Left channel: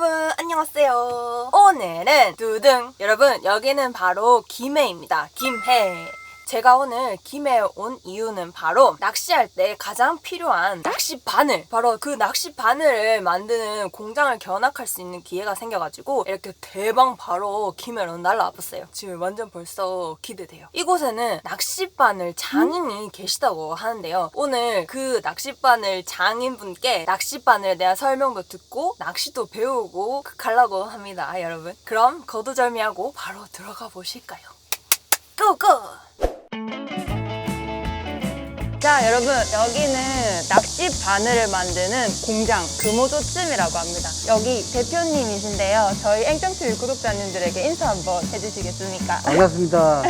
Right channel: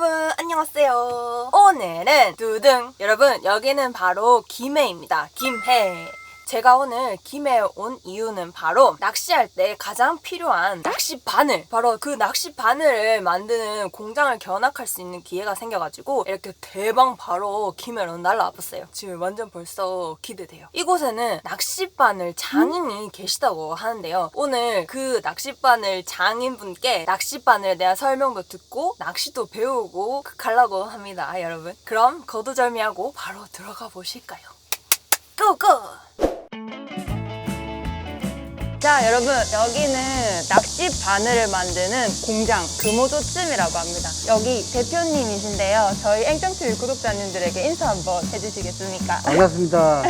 여러분 안녕하세요. 오늘은 두둥. 여러분 여기는 바로 김해입니다. 김해. 제가 오늘 김해에 온 이유는 바로 낚시할 때 가장 필요한 낚시 바늘, 바로 그 낚시 바늘을 만드는 공장을 견학할 수 있는 기회가 생겨가지고 이렇게 대박 바로 김해로 날라와 봤어요. 지금 완전 벌써 기대돼요. 이곳에는 낚시 바늘 장인이 계시다고 하는데요. 오늘 그 낚시 바늘 장인분께 낚시 바늘에 대한 설명도 듣고 낚시도 배우고 가려고 합니다, 여러분. 그럼 거두절미하고 바로 들어가 보실까요? 고고! 자, 여러분, 여기는 낚시 바늘을 만드는 공장 금오조찜이라고 합니다. 여기 대표님이신데요. 저희 앵정TV 구독자님들에게 인사 한번 해주시겠습니까? 반갑습니다.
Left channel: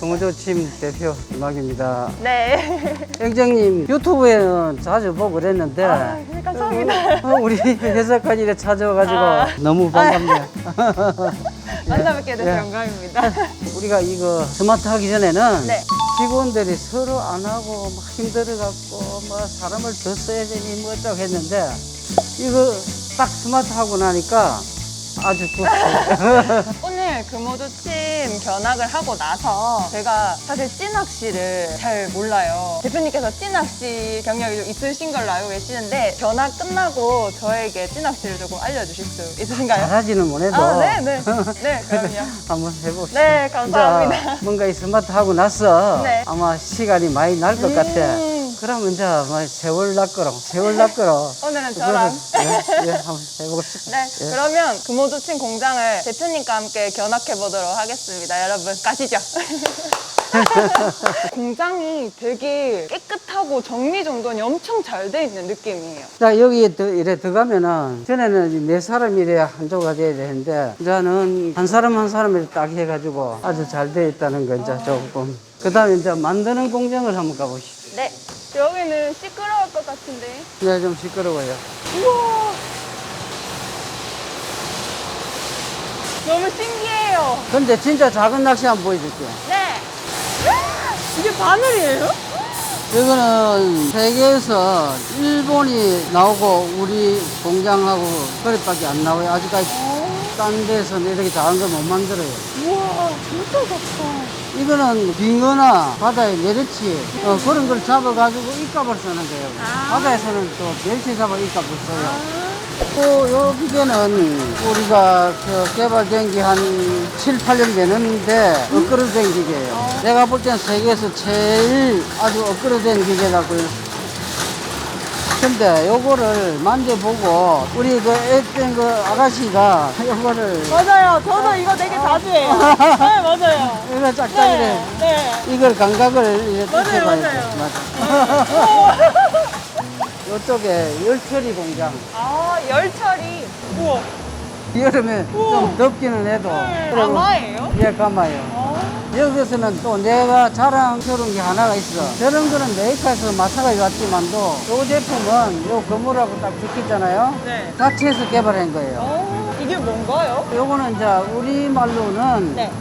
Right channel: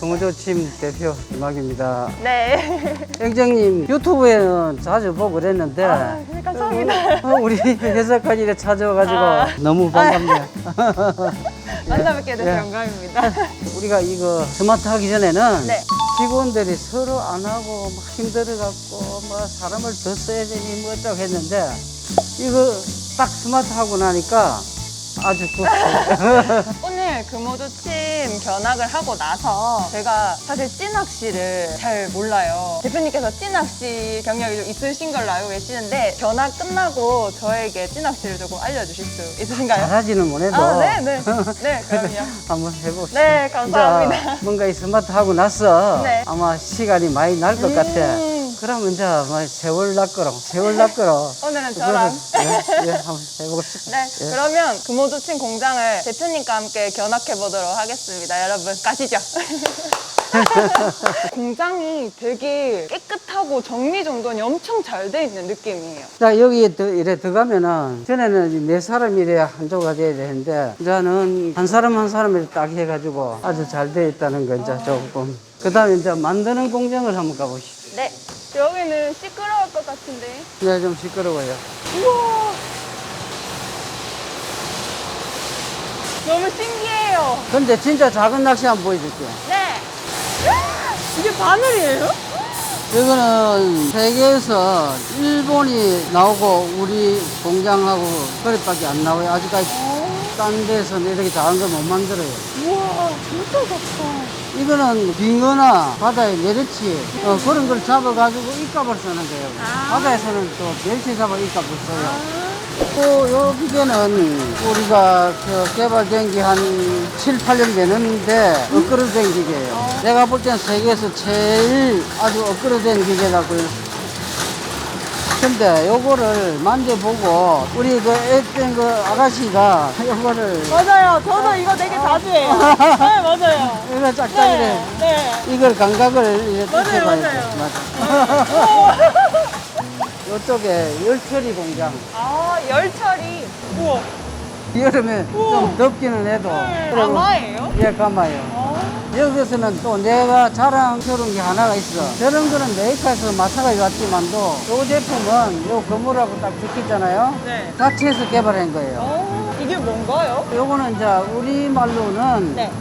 동호조침 대표 김학입니다. 네. 앵정님 유튜브에는 자주 보고 그랬는데 네, 감사합니다. 우리 회사까지 이렇게 찾아와가지고 너무 반갑네요. 만나뵙게 돼서 예. 영광입니다. 우리가 이거 스마트 하기 전에는 네. 직원들이 서로 안 하고 막 힘들어갖고 뭐 사람을 더 써야 되니 뭐 어쩌고 했는데 이거 딱 스마트 하고 나니까 아주 좋습니다. 오늘 금오조침 견학을 하고 나서 제가 사실 찌낚시를 잘 몰라요. 대표님께서 찌낚시 경력이 좀 있으신 걸로 알고 계시는데 견학 끝나고 저에게 찌낚시를 조금 알려주실 수 있으신가요? 잘하지는 못해도 네, 그럼요. 한번 해봅시다. 네, 감사합니다. 이제 뭔가 이 스마트 하고 나서 네. 아마 시간이 많이 날 것 같아. 그러면 이제 뭐 세월 낚으러 오늘은 저랑. 예, 한번 해보겠습니다. 네, 예. 그러면 금오조침 공장을 대표님과 함께 견학해 보도록 하겠습니다. 여러분, 가시죠. 공장이 되게 깨끗하고 정리정돈이 엄청 잘 돼 있는 느낌이에요. 자, 여기에 이래 들어가면은, 전에는 네 사람이 이래 한조가 돼야 되는데, 이제는 한 사람 한 사람을 딱 해가지고 아주 잘 돼 있다는 거, 이제 조금. 그 다음에 이제 만드는 공장을 한번 가보시죠. 네, 여기는 시끄러울 것 같은데. 네, 좀 시끄러워요. 우와, 너무 신기해요. 근데 진짜 작은 낚시 한번 보여줄게요. 네. 이게 바늘이에요? 이거는 세계에서 일본이 나오고 우리 공장하고 그릇밖에 안 나와요. 아직까지 딴 데서는 이렇게 작은 걸 못 만들어요. 우와, 진짜 좋다. 이거는 빙어나 바다의 메르치 그런 걸 잡아가지고 입값을 쓰는 거예요. 바다에서는 또 멸치 잡아 입값을 써요. 또 요 기계는 우리가 개발된 게 한 7, 8년 되는데 엇그러진 기계예요. 내가 볼 때는 세계에서 제일 아주 엇그러진 기계라고요. 근데 요거를 만져보고 우리 그 애된 그 아가씨가 요거를 맞아요. 저도 이거 되게 자주 해요. 네, 맞아요. 이거 짝짝이래. 네. 이걸 감각을 이렇게 맞아요, 봐야죠. 맞아요. 맞아. 이쪽에 열처리 공장. 아, 열처리. 우와. 여름에 좀 덥기는 해도. 가마예요? 예, 가마요. 여기서는 또 내가 자랑스러운 게 하나가 있어. 저런 거는 메이커에서 마사가 왔지만도 요 제품은 요 거물하고 딱 적혀있잖아요. 네. 자체에서 개발한 거예요. 이게 뭔가요? 요거는 이제 우리말로는 네.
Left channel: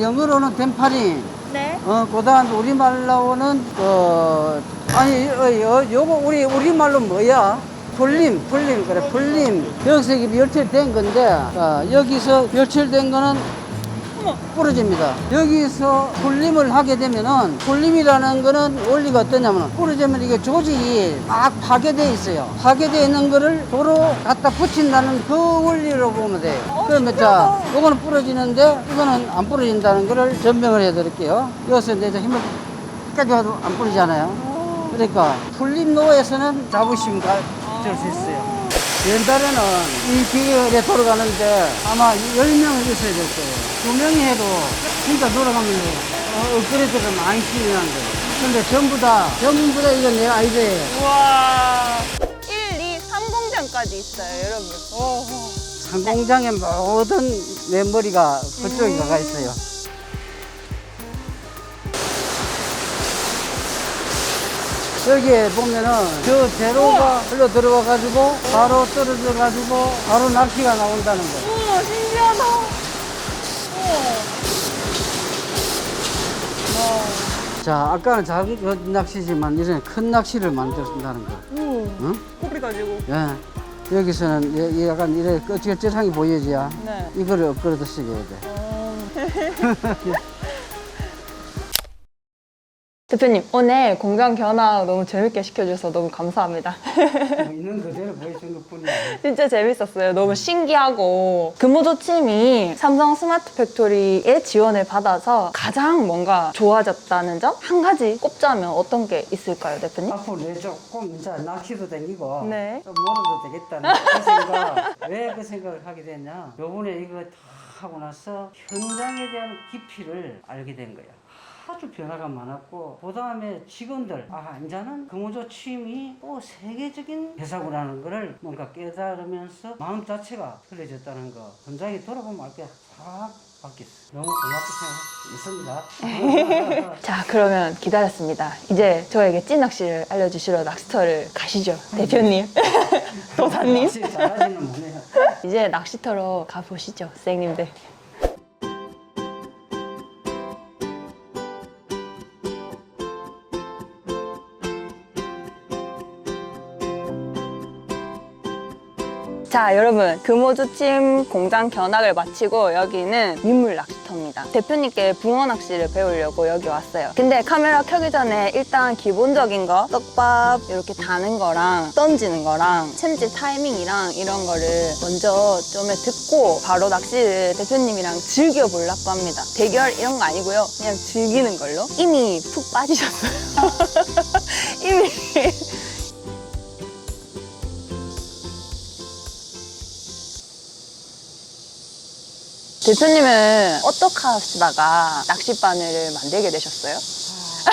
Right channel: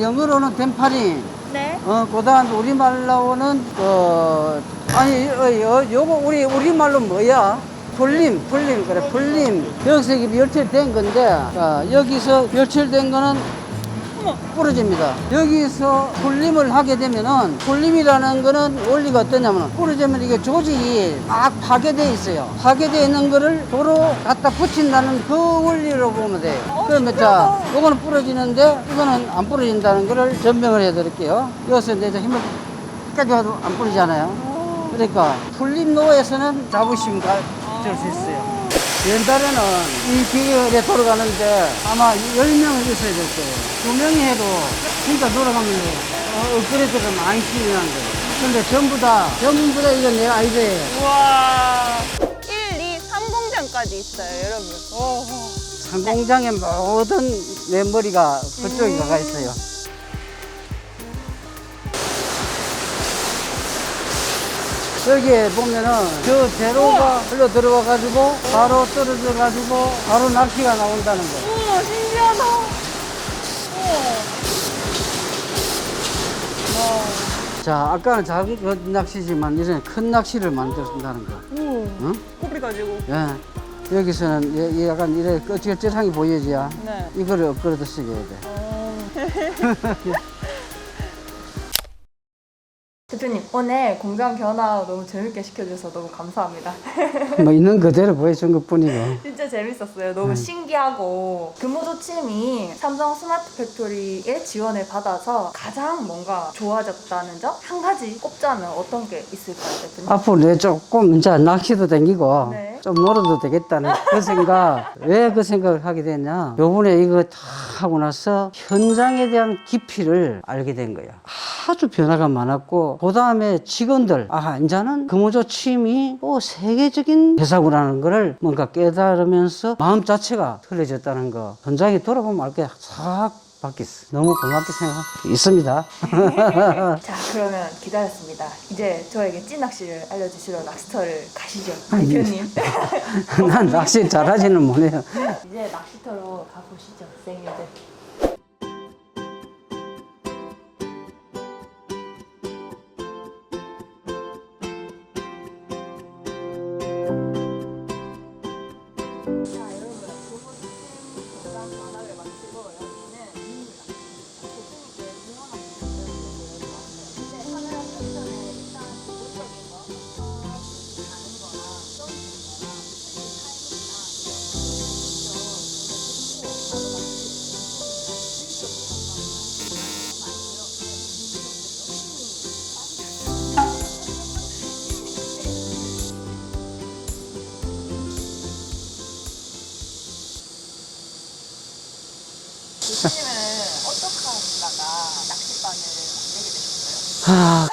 영어로는 덴파리. 네. 그다음 우리말로는 요거 우리말로 뭐야? 풀림 그래 풀림. 여기서 이게 멸치된 건데 여기서 멸치된 거는 부러집니다. 여기서 풀림을 하게 되면은 풀림이라는 거는 원리가 어떠냐면 부러지면 이게 조직이 막 파괴되어 있어요. 파괴되어 있는 거를 도로 갖다 붙인다는 그 원리로 보면 돼요. 그러면 자, 요거는 부러지는데 이거는 안 부러진다는 거를 증명을 해 드릴게요. 여기서 이제 힘을 끝까지 가도 안 부러지잖아요. 그러니까 풀림로에서는 자부심 가질 수 있어요. 옛날에는 이 기계가 돌아가는데 아마 10명은 있어야 될 거예요. 2명이 해도 진짜 돌아가면 업그레이드가 많이 필요한 거예요. 근데 전부 다 이건 내 아이디어예요. 우와. 1, 2, 3공장까지 있어요, 여러분. 오. 상공장의 모든 메모리가 그쪽에 가가 있어요. 여기에 보면은 저 제로가 흘러 들어와 가지고 바로 떨어져 가지고 바로 낚시가 나온다는 거예요. 우와, 신기하다. 자, 아까는 작은 낚시지만 이제는 큰 낚시를 만든다는 거. 우와. 응? 코비 가지고. 예. 여기서는 약간 이래 껍질껍질한 게 보여줘야 네. 이거를 엎그려 드시게 돼. 대표님, 오늘 공장 견학 너무 재밌게 시켜주셔서 너무 감사합니다. 뭐 있는 그대로 보여준 것 뿐이고. 진짜 재밌었어요. 너무 신기하고 근무조침이 삼성 스마트 팩토리의 지원을 받아서 가장 뭔가 좋아졌다는 점? 한 가지 꼽자면 어떤 게 있을까요, 대표님? 앞으로 내 조금 이제 낚시도 댕기고 네. 좀 놀아도 되겠다는 그 생각. 왜 그 생각을 하게 됐냐? 요번에 이거 다 하고 나서 현장에 대한 깊이를 알게 된 거야. 아주 변화가 많았고 그 다음에 직원들 이제는 근무조침이 또 세계적인 회사구라는 거를 뭔가 깨달으면서 마음 자체가 틀려졌다는 거. 현장에 돌아보면 알게 싹 바뀌었어. 너무 고맙다 생각 있습니다. 자, 그러면 기다렸습니다. 이제 저에게 찐낚시를 알려주시러 낚시터를 가시죠, 대표님. 난 낚시 잘하지는 못해요. 이제 낚시터로 가보시죠, 선생님들. 자, 여러분, 금오조침 공장 견학을 마치고 여기는 민물 낚시터입니다. 대표님께 붕어 낚시를 배우려고 여기 왔어요. 근데 카메라 켜기 전에 일단 기본적인 거, 떡밥 이렇게 다는 거랑 던지는 거랑 챔질 타이밍이랑 이런 거를 먼저 좀 듣고 바로 낚시를 대표님이랑 즐겨보려고 합니다. 대결 이런 거 아니고요. 그냥 즐기는 걸로. 이미 푹 빠지셨어요. 이미. 대표님은 어떻게 하시다가 낚싯바늘을 만들게 되셨어요?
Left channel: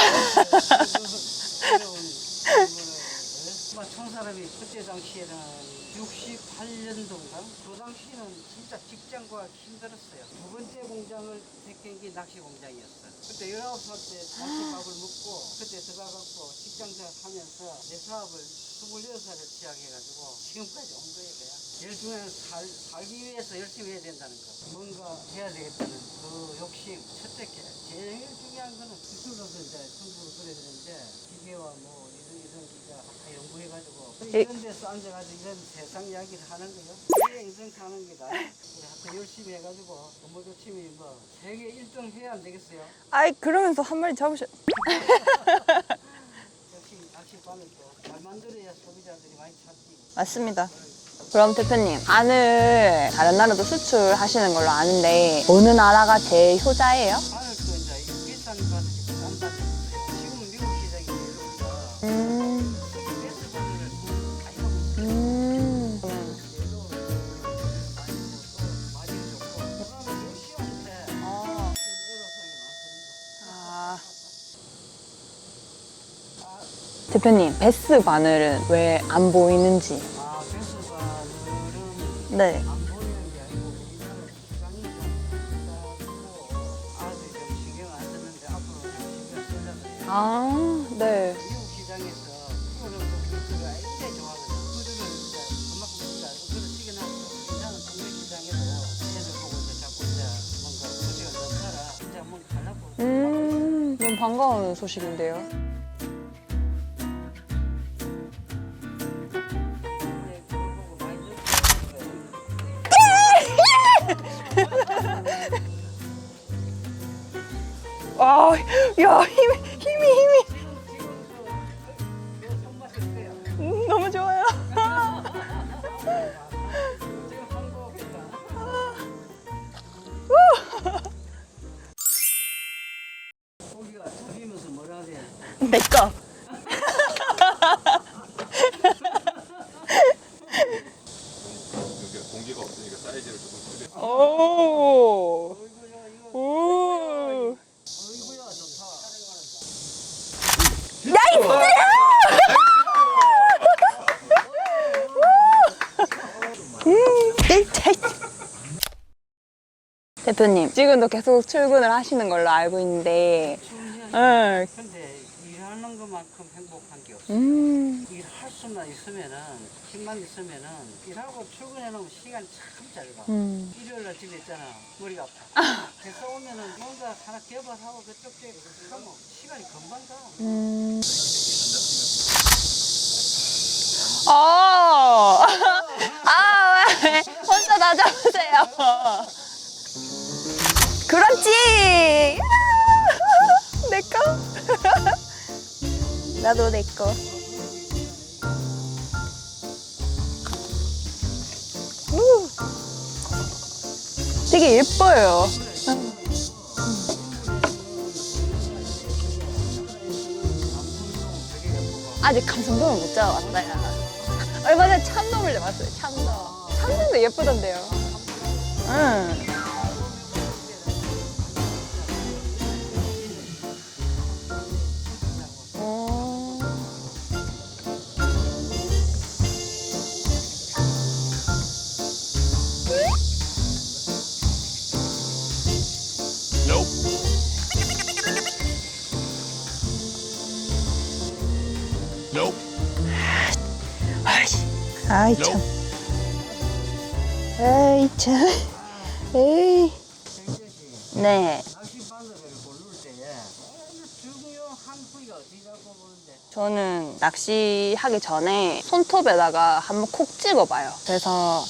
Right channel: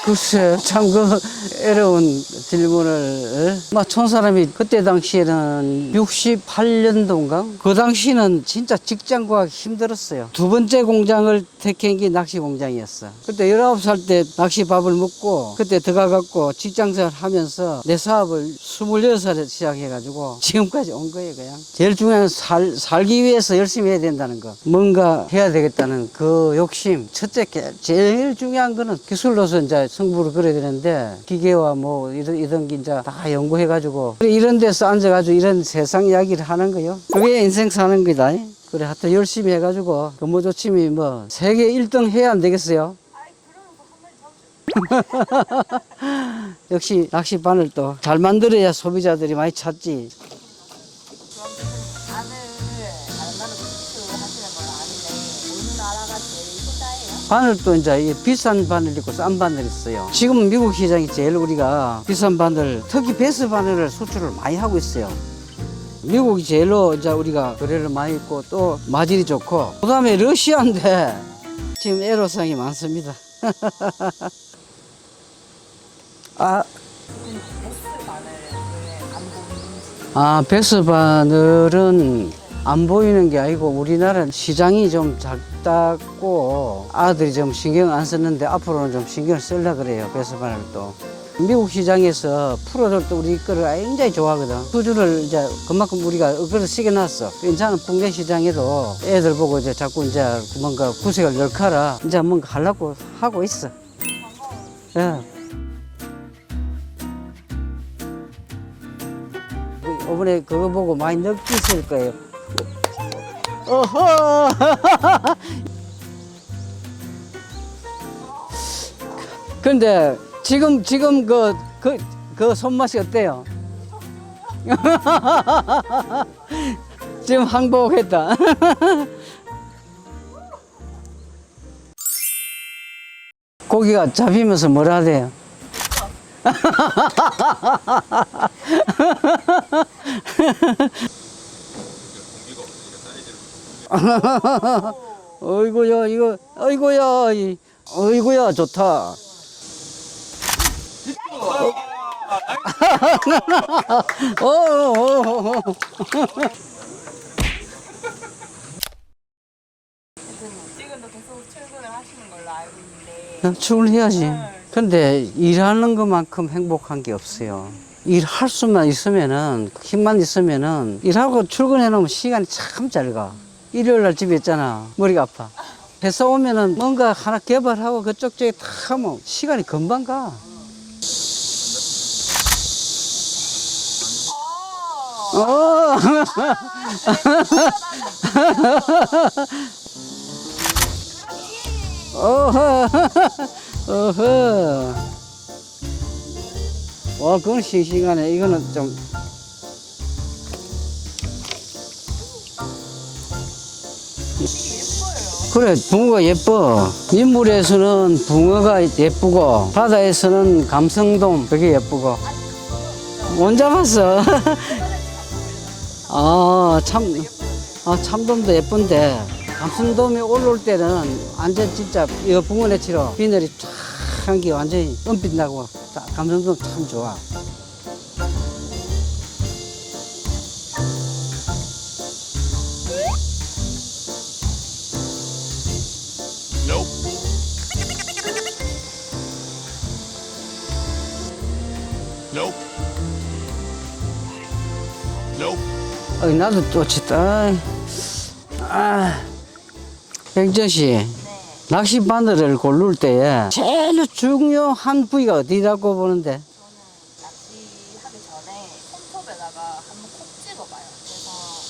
글쎄, 참 그 어려운 질문을. 촌사람이 그때 당시에는 68년도인가? 그 당시는 진짜 직장 구하기 힘들었어요. 두 번째 공장을 택한 게 낚시 공장이었어. 그때 19살 때 낚시 밥을 먹고 그때 들어가갖고 직장생활 하면서 내 사업을 26살에 시작해가지고 지금까지 온 거예요, 그냥. 제일 중요한 건 살기 위해서 열심히 해야 된다는 거. 뭔가 해야 되겠다는 그 욕심. 첫째, 제일 중요한 거는 기술로서 이제 승부를 걸어야 되는데 기계와 뭐 이런 게 이제 다 연구해가지고 이런 데서 앉아가지고 이런 세상 이야기를 하는 거요. 그게 인생 사는 거다. 그래, 하여튼 열심히 해가지고 근무조침이 뭐 세계 1등 해야 안 되겠어요? 아이, 그러면서 한 마리 잡으셔. 역시 낚시바늘 또 잘 만들어야 소비자들이 많이 찾지. 맞습니다. 그럼 대표님, 바늘 다른 나라도 수출하시는 걸로 아는데 어느 나라가 제일 효자예요? 바늘도 이제 비싼 바늘 있고 싼 바늘 있어요. 지금 미국 시장이 제일 우리가 비싼 바늘, 특히 베스 바늘을 수출을 많이 하고 있어요. 미국이 제일로 이제 우리가 거래를 많이 있고 또 마질이 좋고 그다음에 러시아인데 지금 애로사항이 많습니다. 대표님, 베스 바늘은 왜 안 보이는지. 베스 바늘은 네. 안 보이는 게 아니고 우리나라는 시장이 좀 작다고 아들이 좀 신경 안 썼는데 앞으로는 좀 신경을 쓰려고 그래요. 베스 바늘도. 네. 미국 시장에서 프로들도 우리 거를 굉장히 좋아하거든. 수주를 이제 그만큼 우리가 어그를 시켜놨어. 괜찮은 국내 시장에도 애들 보고 이제 자꾸 이제 뭔가 구색을 넣거라 이제 뭔가 하려고 하고 있어. 너무 반가운 소식인데요. 이번에 그거 보고 많이 느끼실 거예요. 어허. 야, 힘이 근데 지금 그 손맛이 어때요? 너무 좋아요. 지금 항복했다. 고기가 잡히면서 뭐라 하대요? 내 거. 어이구야 이거 어이구야 어이구야 좋다. 대표님, 지금도 계속 출근을 하시는 걸로 알고 있는데 출근해야지. 네. 근데 일하는 것만큼 행복한 게 없어요. 일할 수만 있으면은 힘만 있으면은 일하고 출근해 놓으면 시간이 참 잘 가. 일요일 날 집에 있잖아. 머리가 아파. 회사 오면은 뭔가 하나 개발하고 그쪽 저기 다 하면 시간이 금방 가. 아, 아, 왜? 혼자 나 잡으세요. 그렇지. 어허. 어허. 나도 내 거. 와, 그건 싱싱하네. 이거는 좀. 되게 예뻐요. 그래, 붕어가 예뻐. 민물에서는 붕어가 예쁘고, 바다에서는 감성돔 되게 예쁘고. 아직 감성돔을 못 잡아. 못 잡았어. 얼마 전에 참돔을 잡았어요. 참돔. 아, 참. 참돔도 예쁘던데요. 아, 참돔도 예쁜데. 감성돔이 올라올 때는 완전 진짜 이 붕어네처럼 비늘이 쫙 한 게 완전히 은빛 나고. 감성돔 참 좋아. 아이 참. 어이, 나도 또 치다. 에이 참. 아, 에이. 백전 씨. 네. 낚시 바늘을 고를 때에 제일 중요한 부위가 어디라고 보는데? 저는 낚시하기 전에 손톱에다가 한번 콕 찍어봐요. 그래서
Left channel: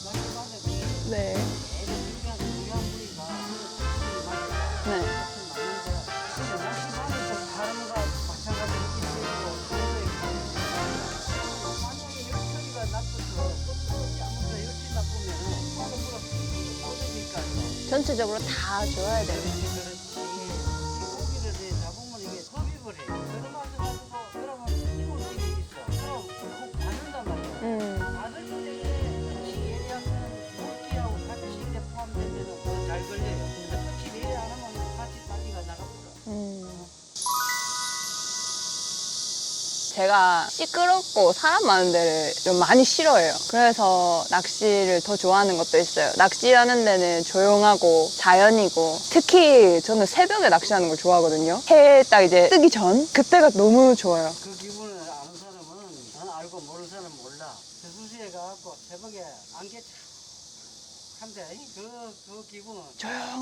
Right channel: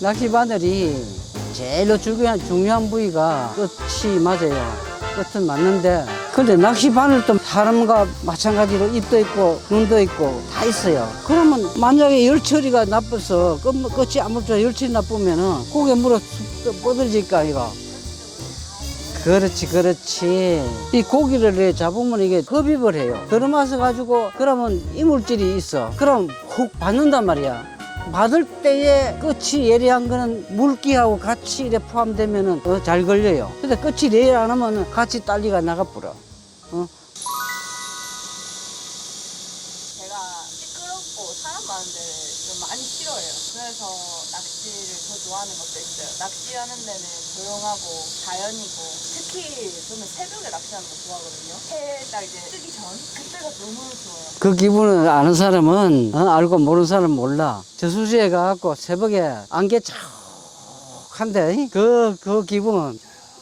낚시 바늘이 네. 제일 중요한 부위가 끝이 맞아요. 네. 끝은 맞는데 근데 낚시 바늘도 사람과 마찬가지로 입도 있고 눈도 있고 다 있어요. 그러면 만약에 열처리가 나빠서 끝이 아무튼 열처리 나쁘면은 고개 물어 꼬들질까 이거. 전체적으로 다 좋아요. 그렇지 그렇지. 이 고기를 이렇게 잡으면 이게 흡입을 해요. 들어마서 가지고 그러면 이물질이 있어. 그럼 훅 받는단 말이야. 받을 때에 끝이 예리한 거는 물기하고 같이 이렇게 포함되면은 더 잘 걸려요. 근데 끝이 예리 안 하면 같이 딸리가 나가버려. 어? 제가 시끄럽고 사람 많은 데를 좀 많이 싫어해요. 그래서 낚시를 더 좋아하는 것도 있어요. 낚시하는 데는 조용하고 자연이고 특히 저는 새벽에 낚시하는 걸 좋아하거든요. 해 딱 이제 뜨기 전 그때가 너무 좋아요. 그 기분을 아는 사람은 알고 모르는 사람은 몰라. 저수지에 가갖고 새벽에 안개 쫙한데 그 기분.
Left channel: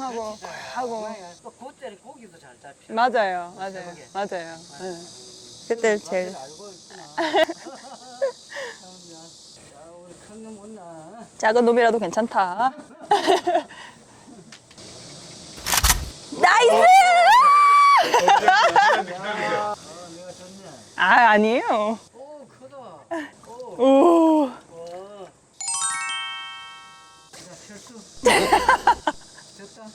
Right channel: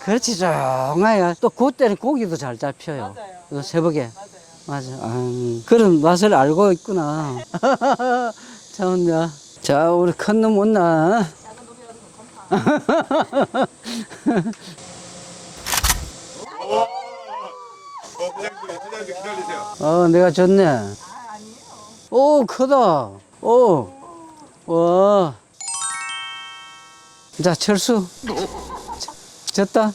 그렇지 조용해요. 또 그때는 고기도 잘 잡혀요. 맞아요. 그 맞아요. 새벽에. 맞아요. 맞아. 그때 그런 맛을 제일- 알고 있구나. 참, 자, 우리 큰 놈 온나? 작은 놈이라도 괜찮다. 나이스! 내가 졌네. 아, 아니에요. 오, 크다. 오, 와. 자, 철수. 졌다.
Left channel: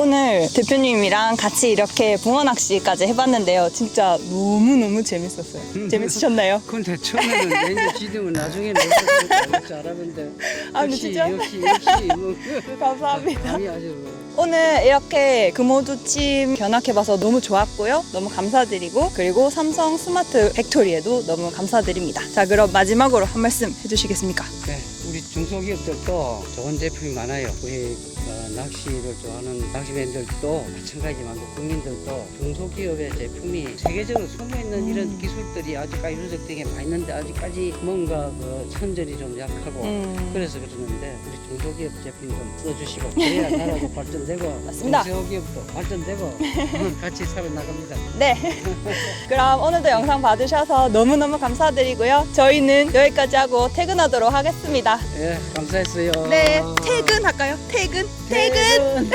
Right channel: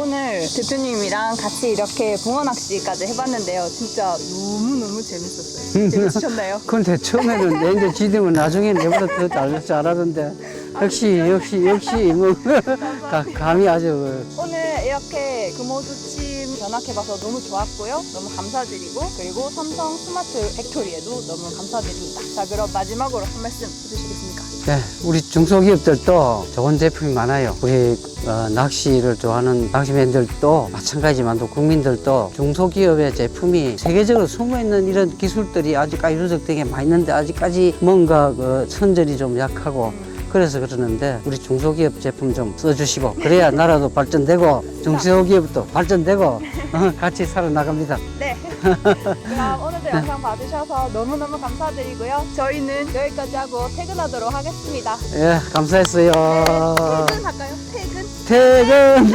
오늘 대표님이랑 같이 이렇게 붕어 낚시까지 해봤는데요. 진짜 너무너무 재밌었어요. 재밌으셨나요? 근데 처음에는 너희들 지들면 나중에 내보다 더 잘할 줄 알았는데. 역시, 뭐. 감이 아주. 오늘 이렇게 금호두찜 견학해봐서 너무 좋았고요. 너무 감사드리고 그리고 삼성 스마트 팩토리에도 너무 감사드립니다. 자, 그럼 마지막으로 한 말씀 해주시겠습니까? 네, 우리 중소기업들도 좋은 제품이 많아요. 우리 낚시를 좋아하는 낚시맨들도 마찬가지지만 또 국민들도 중소기업의 제품이 세계적으로 숨어있는 이런 기술들이 아직까지 누적된 게 많이 있는데 아직까지 뭔가 그 선절이 좀 약하고 그래서 그러는데 우리 중소기업 제품 좀 써주시고 그래야 나라도 발전되고 중소기업도 발전되고 같이 살아나갑니다. 네. 그럼 오늘도 영상 봐주셔서 너무너무 감사드리고요. 저희는 여기까지 하고 퇴근하도록 하겠습니다. 예, 감사했어요. 네, 퇴근할까요? 퇴근. 퇴근.